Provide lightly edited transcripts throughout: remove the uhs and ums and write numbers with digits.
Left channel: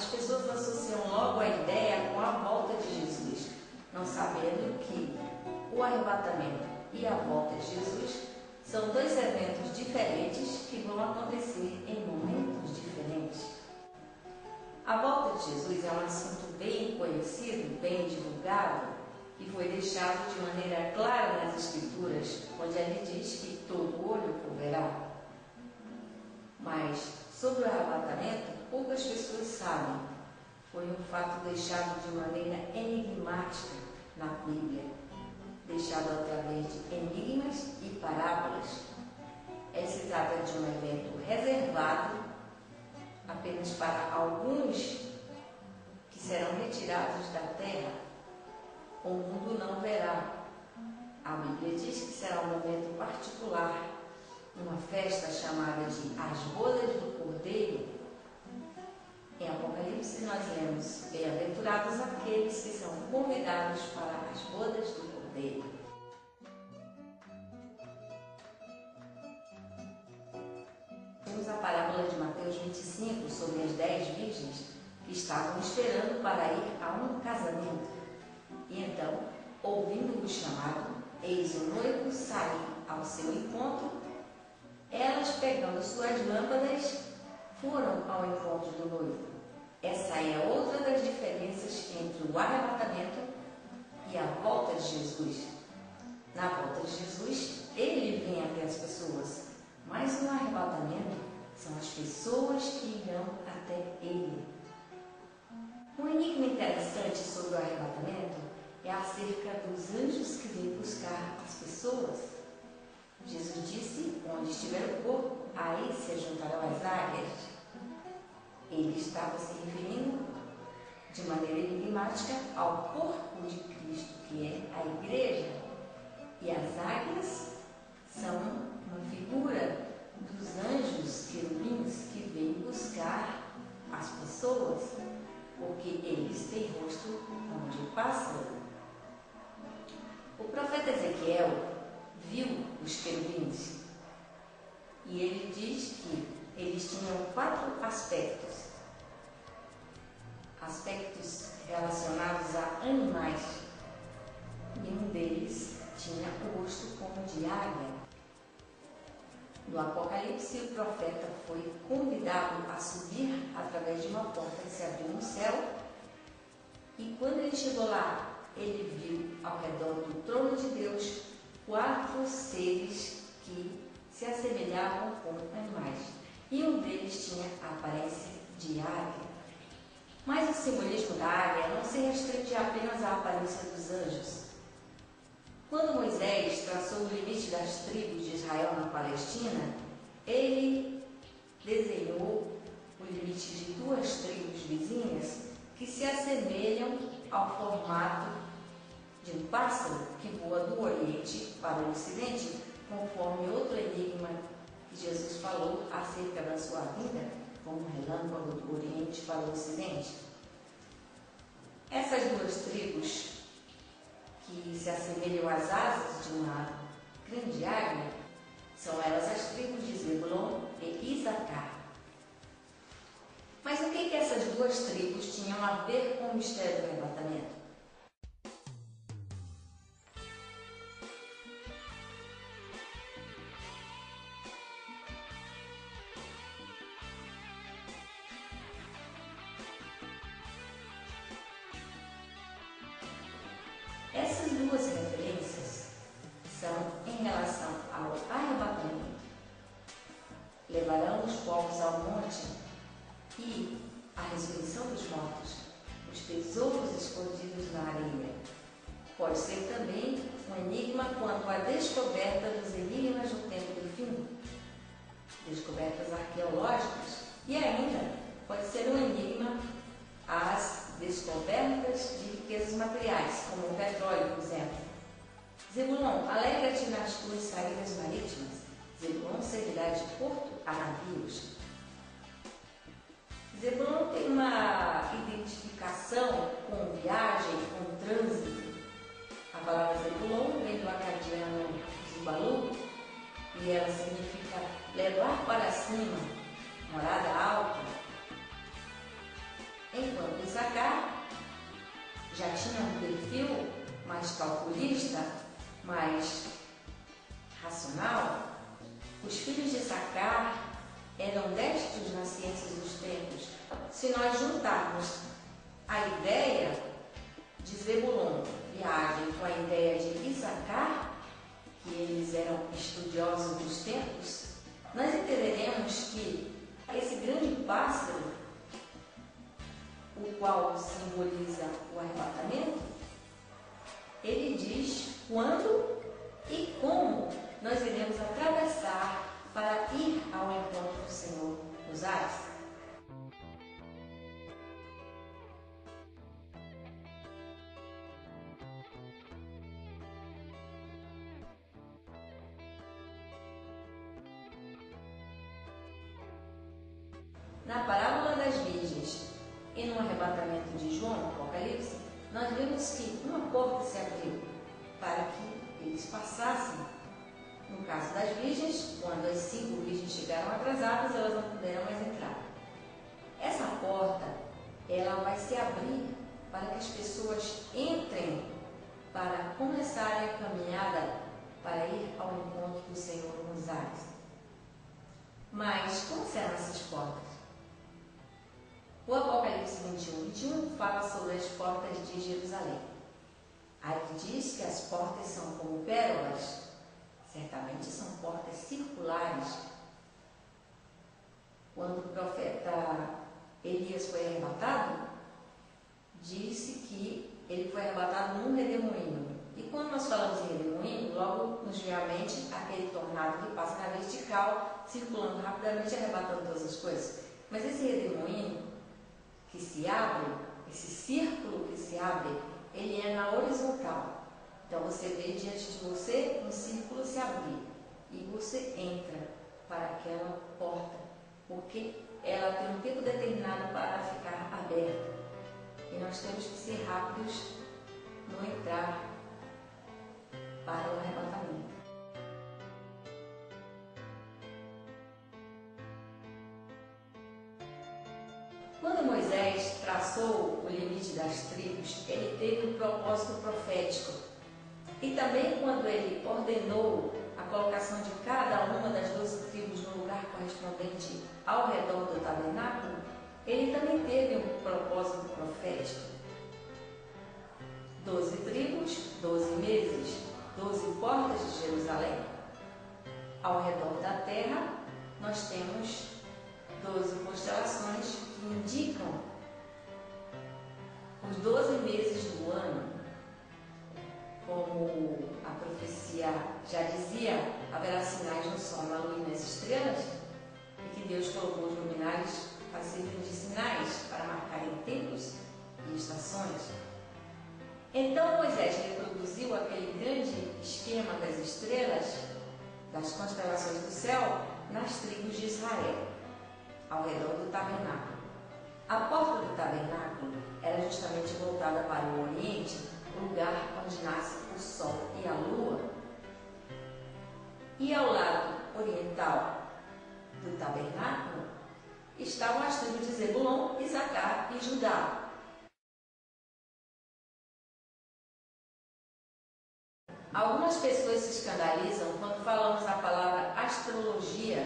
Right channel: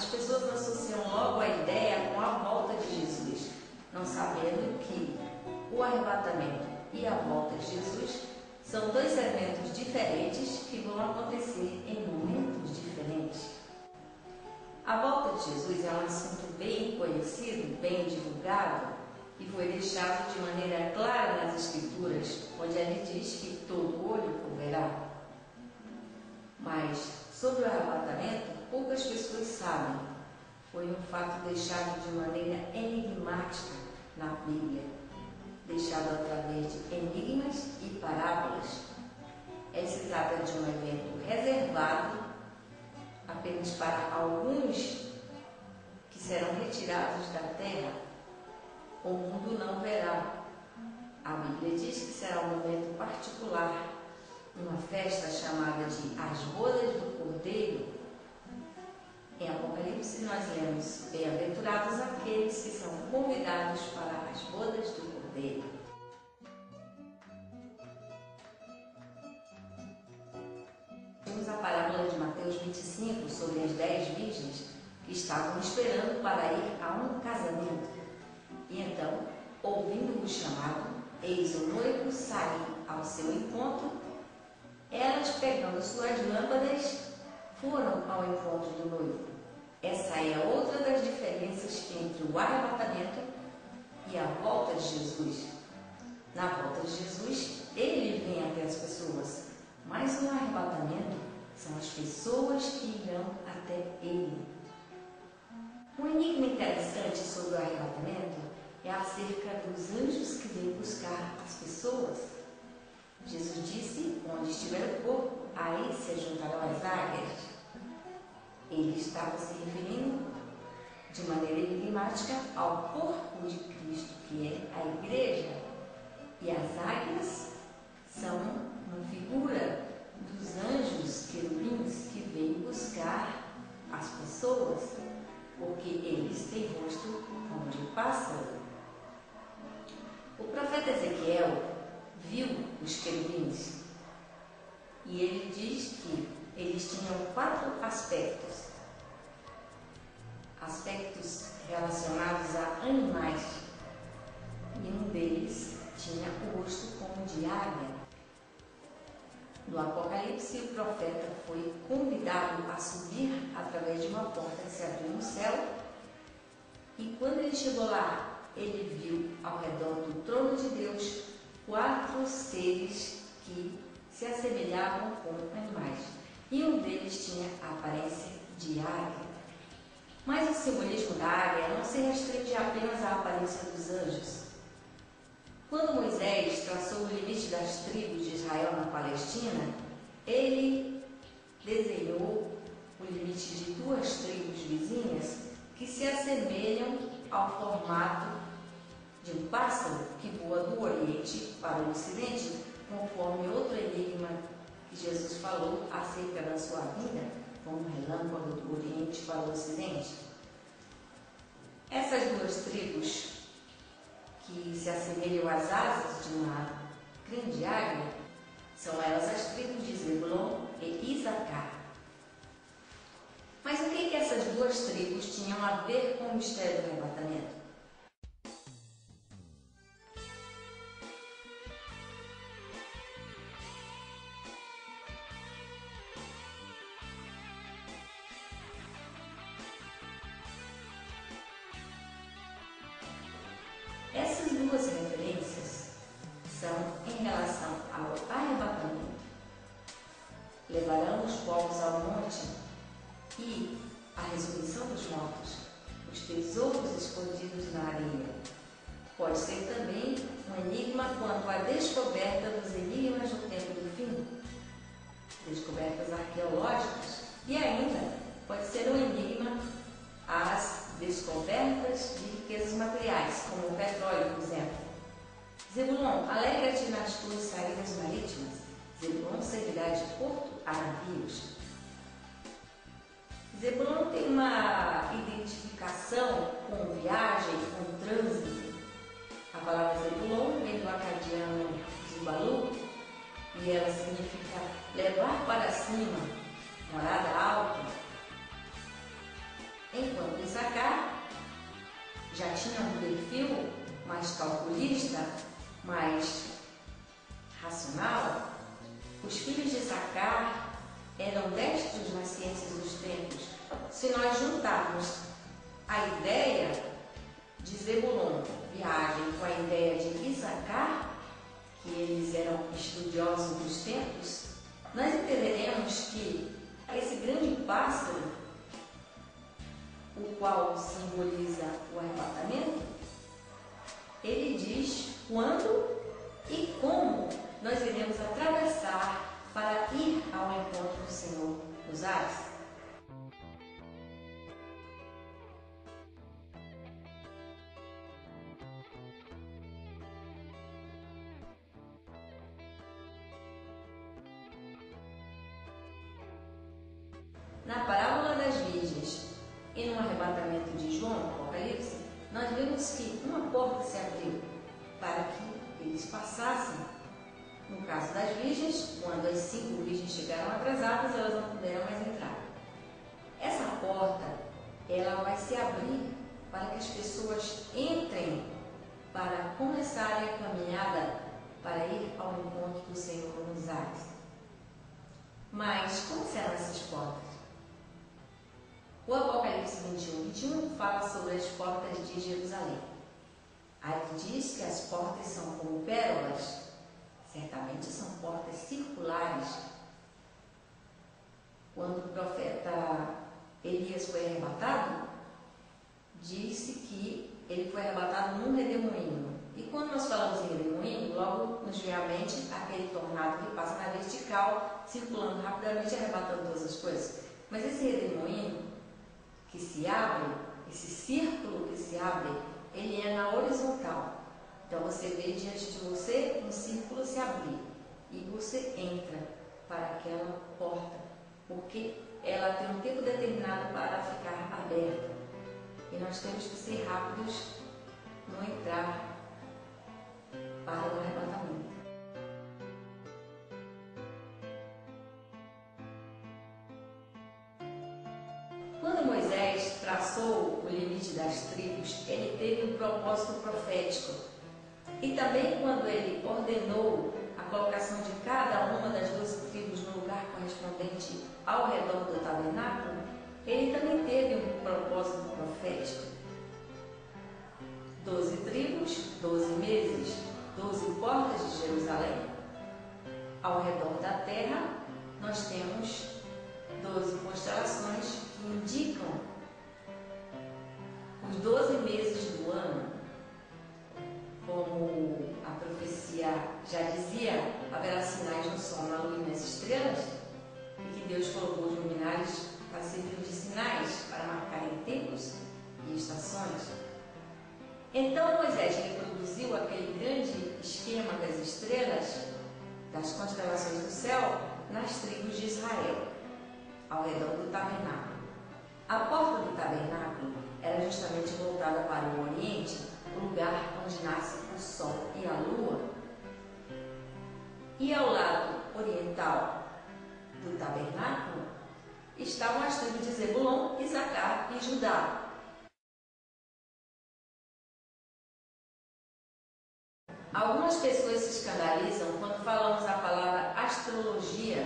as pessoas associam logo a ideia com a volta de Jesus, não sabendo que o arrebatamento e a volta de Jesus são dois eventos diferentes que vão acontecer em momentos diferentes. A volta de Jesus é um assunto bem conhecido, bem divulgado, e foi deixado de maneira clara nas Escrituras, onde ele diz que todo olho o verá. Mas sobre o arrebatamento, poucas pessoas sabem. Foi um fato deixado de maneira enigmática na Bíblia, deixado através de enigmas e parábolas. Se trata de um evento reservado apenas para alguns que serão retirados da terra. O mundo não verá. A Bíblia diz que será um momento particular, uma festa chamada de As Bodas do Cordeiro. Em Apocalipse nós lemos: bem-aventurados aqueles que são convidados para as bodas do Cordeiro. Temos a parábola de Mateus 25 sobre as 10 virgens que estavam esperando para ir a um casamento. E então, ouvindo o chamado, eis o noivo sair ao seu encontro. Elas, pegando suas lâmpadas, foram ao encontro do noivo. Essa é outra das diferenças entre o arrebatamento e a volta de Jesus. Na volta de Jesus, ele vem até as pessoas, mas no arrebatamento são as pessoas que irão até ele. Um enigma interessante sobre o arrebatamento é acerca dos anjos que vêm buscar as pessoas. Jesus disse: onde estiver o corpo, aí se juntarão as águias. Ele estava se referindo de maneira enigmática ao corpo de Cristo, que é a igreja. E as águias são uma figura dos anjos querubins que vêm buscar as pessoas, porque eles têm rosto como de pássaro. O profeta Ezequiel viu os querubins e ele diz que eles tinham 4 aspectos relacionados a animais, e um deles tinha o rosto como de águia. No Apocalipse, o profeta foi convidado a subir através de uma porta que se abriu no céu, e quando ele chegou lá, ele viu ao redor do trono de Deus 4 seres que se assemelhavam com animais, e um deles tinha a aparência de águia. Mas o simbolismo da águia não se restringe apenas à aparência dos anjos. Quando Moisés traçou o limite das tribos de Israel na Palestina, ele desenhou o limite de 2 tribos vizinhas que se assemelham ao formato de um pássaro que voa do Oriente para o Ocidente, conforme outro enigma que Jesus falou acerca da sua vinda, como um relâmpago do Oriente para o Ocidente. Essas 2 tribos que se assemelham às asas de uma grande águia são elas as tribos de Zebulon e Isacar. Mas o que essas 2 tribos tinham a ver com o mistério do arrebatamento? Essas 2 referências são em relação ao arrebatamento. Levarão os povos ao monte e a ressurreição dos mortos, os tesouros escondidos na areia. Pode ser também um enigma quanto à descoberta dos enigmas no tempo do fim, descobertas arqueológicas, e ainda pode ser um enigma às descobertas de riquezas materiais, como o petróleo, por exemplo. Zebulon, alegra-te nas tuas saídas marítimas. Zebulon servirá de porto a navios. Zebulon tem uma identificação com viagem, com trânsito. A palavra Zebulon vem do acadiano Zubalu e ela significa levar para cima, morada alta. já tinha um perfil mais calculista, mais racional, os filhos de Issacar eram destros nas ciências dos tempos. Se nós juntarmos a ideia de Zebulon, viagem, com a ideia de Issacar, que eles eram estudiosos dos tempos, nós entenderemos que esse grande pássaro, o qual simboliza o arrebatamento, ele diz quando e como nós iremos atravessar para ir ao encontro do Senhor nos ares. Na parábola das virgens e no arrebatamento de João, Apocalipse, nós vemos que uma porta se abriu para que eles passassem. No caso das virgens, quando as 5 virgens chegaram atrasadas, elas não puderam mais entrar. Essa porta, ela vai se abrir para que as pessoas entrem para começarem a caminhada para ir ao encontro do Senhor nos ares. Mas como serão essas portas? O Apocalipse 21 fala sobre as portas de Jerusalém. Aí diz que as portas são como pérolas. Certamente são portas circulares. Quando o profeta Elias foi arrebatado, disse que ele foi arrebatado num redemoinho. E quando nós falamos em redemoinho, logo nos vem à mente aquele tornado que passa na vertical, circulando rapidamente, arrebatando todas as coisas. Mas esse redemoinho que se abre, esse círculo que se abre, ele é na horizontal. Então você vê diante de você um círculo se abrir e você entra para aquela porta, porque ela tem um tempo determinado para ficar aberta. E nós temos que ser rápidos no entrar para o arrebatamento. Quando Moisés traçou o limite das tribos, ele teve um propósito profético. E também quando ele ordenou a colocação de cada uma das 12 tribos no lugar correspondente ao redor do tabernáculo, ele também teve um propósito profético. 12 tribos, 12 meses, 12 portas de Jerusalém. Ao redor da terra, nós temos 12 constelações que indicam os 12 meses do ano. Como a profecia já dizia, haverá sinais no sol, na lua e nas estrelas, e que Deus colocou os luminares para servirem de sinais, para marcarem tempos e estações. Então Moisés reproduziu aquele grande esquema das estrelas, das constelações do céu, nas tribos de Israel, ao redor do tabernáculo. A porta do tabernáculo era justamente voltada para o Oriente, o lugar onde nasce o sol e a lua. E ao lado oriental do tabernáculo estavam as tribos de Zebulon, Issacar e Judá. Algumas pessoas se escandalizam quando falamos a palavra astrologia,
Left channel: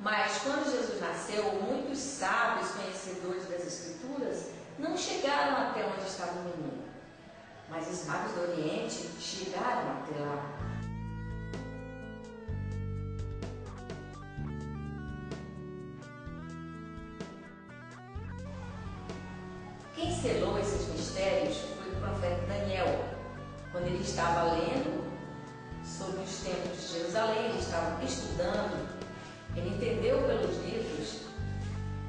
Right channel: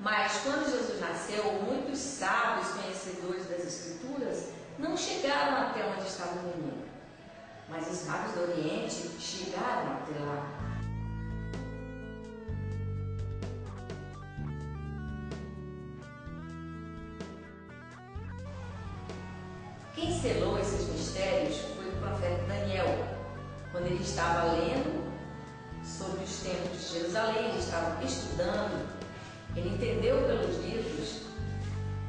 mas quando Jesus nasceu, muitos sábios conhecedores das Escrituras não chegaram até onde estava o menino. Mas os magos do Oriente chegaram até lá. Quem selou esses mistérios foi o profeta Daniel. Quando ele estava lendo sobre os templos de Jerusalém, ele estava estudando, ele entendeu pelos livros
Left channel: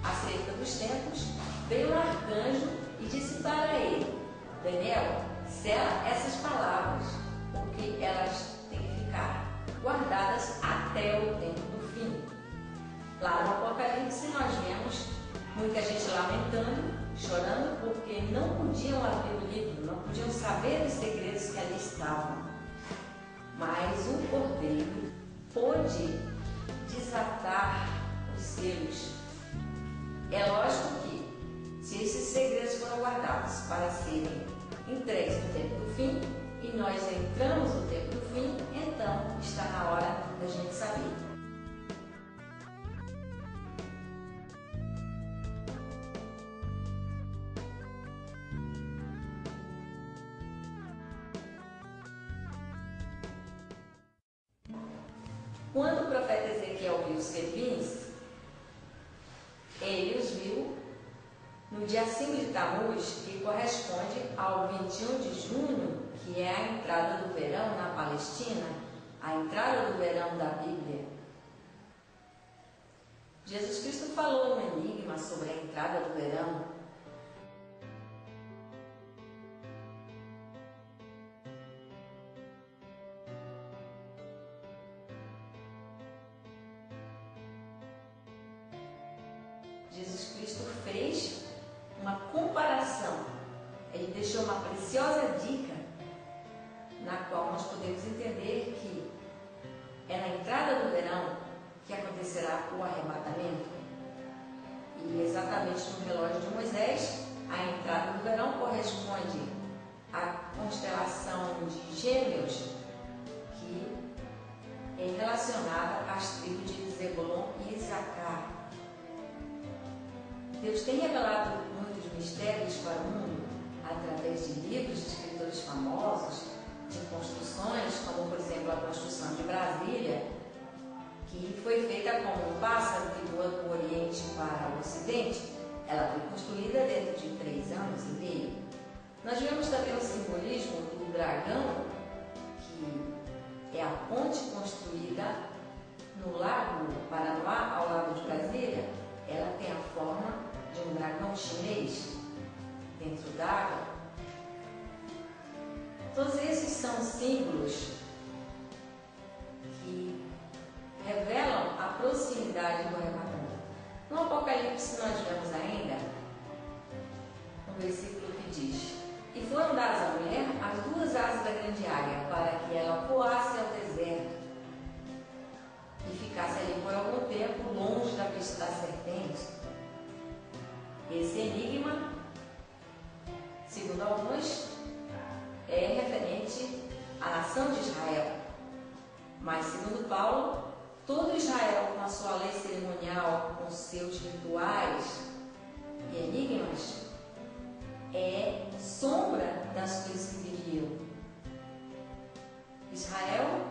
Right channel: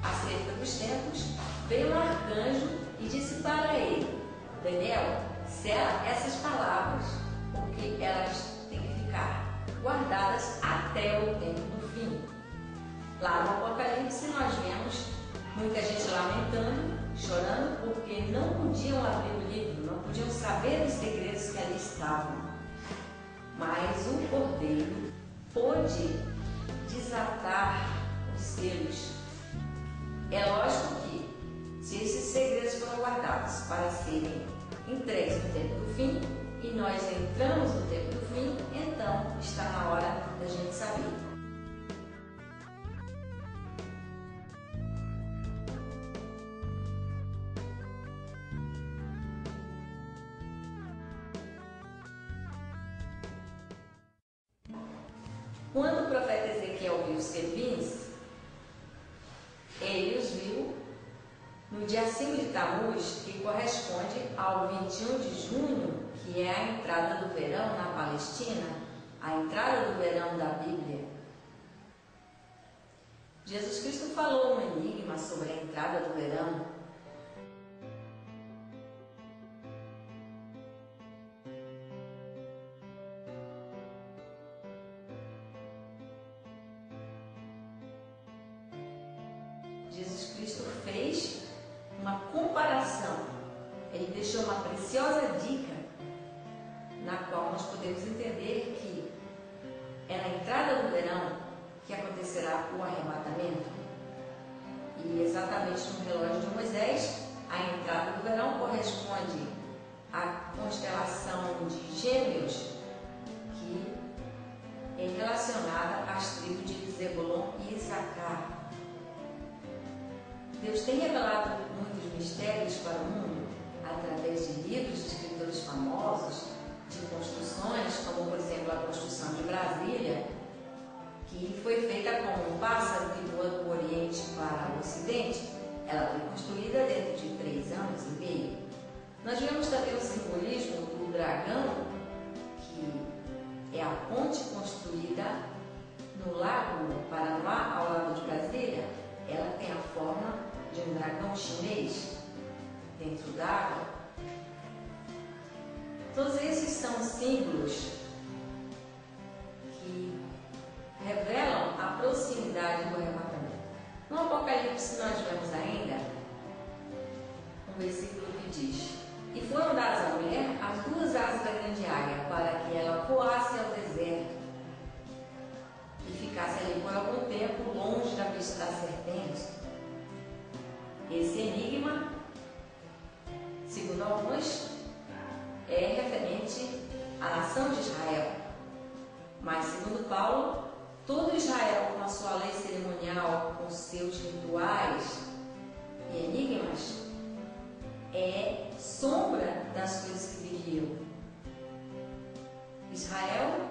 acerca dos templos, veio um arcanjo e disse para ele: Daniel, sela essas palavras, porque elas têm que ficar guardadas até o tempo do fim. Lá no Apocalipse nós vemos muita gente lamentando, chorando, porque não podiam abrir o livro, não podiam saber dos segredos que ali estavam. Mas o Cordeiro pôde desatar os selos. É lógico que, se esses segredos foram guardados para serem entregues no tempo do fim, e nós entramos no tempo do fim, então está na hora da gente saber. Quando o profeta Ezequiel viu os querubins, ele os viu no dia 5 de Tammuz, que corresponde ao 21 de junho, que é a entrada do verão na Palestina, a entrada do verão da Bíblia. Jesus Cristo falou um enigma sobre a entrada do verão. Jesus Cristo fez uma comparação, ele deixou uma preciosa dica na qual nós podemos entender que é na entrada do verão que acontecerá o arrebatamento. E exatamente no relógio de Moisés, a entrada do verão corresponde à constelação de Gêmeos, que é relacionada às tribos de Zebulon e Issacar. Deus tem revelado muitos mistérios para o mundo através de livros de escritores famosos, de construções, como por exemplo a construção de Brasília, que foi feita como um pássaro que voa do Oriente para o Ocidente. Ela foi construída dentro de 3 anos e meio. Nós vemos também o simbolismo do dragão, que é a ponte construída no lago Paranoá, ao lado de Brasília. Ela tem a forma de um dragão chinês dentro d'água. Todos esses são símbolos que revelam a proximidade do arrebatamento. No Apocalipse nós vemos ainda um versículo que diz: e foram dadas à mulher as 2 asas da grande águia, para que ela voasse ao deserto e ficasse ali por algum tempo, longe da vista da serpente. Esse enigma, segundo alguns, é referente à nação de Israel. Mas, segundo Paulo, todo Israel, com a sua lei cerimonial, com seus rituais e enigmas, é sombra das coisas que viriam. Israel,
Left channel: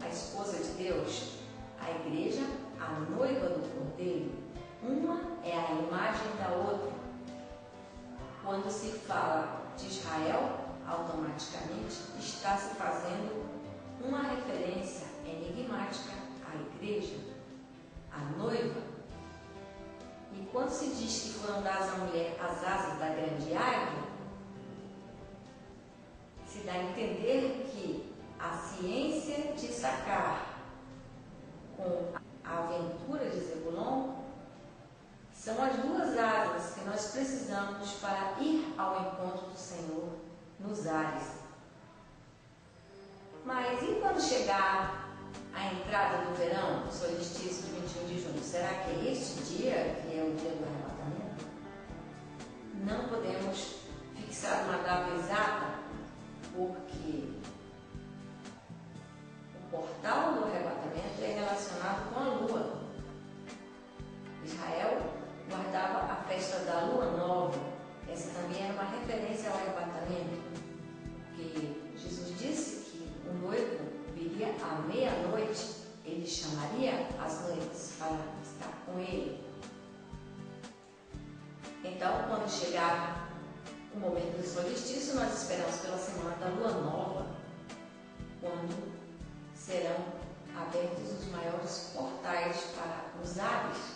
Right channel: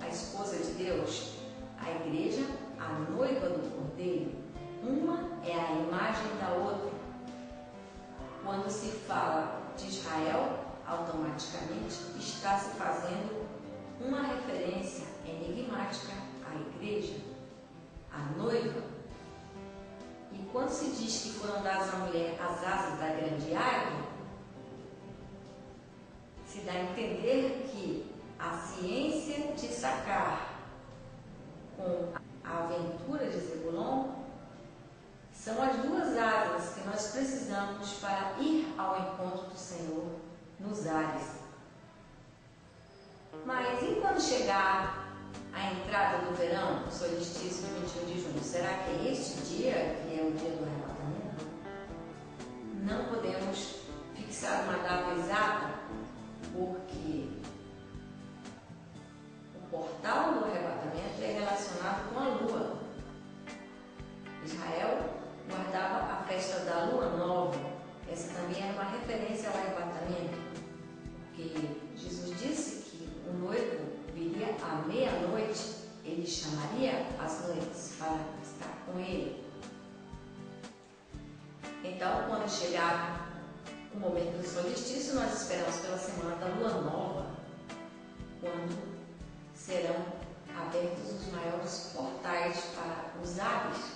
a esposa de Deus, a igreja, a noiva do Cordeiro, uma é a imagem da outra. Quando se fala de Israel, automaticamente está se fazendo uma referência enigmática à igreja, à noiva. E quando se diz que foram dadas à mulher as asas da grande águia, se dá a entender que a ciência de Issacar com a aventura de Zebulon são as 2 asas que nós precisamos para ir ao encontro do Senhor nos ares. Mas e quando chegar a entrada do verão, o solstício de 21 de junho? Será que é este dia que é o dia do arrebatamento? Não podemos fixar uma data exata, porque o portal do arrebatamento é relacionado com a lua. Israel guardava a festa da lua nova. Essa também era uma referência ao arrebatamento, porque Jesus disse que o noivo viria à meia-noite, ele chamaria as noivas para estar com ele. Então, quando chegar o momento do solstício, nós esperamos pela semana da lua nova, quando serão abertos os maiores portais para os ares.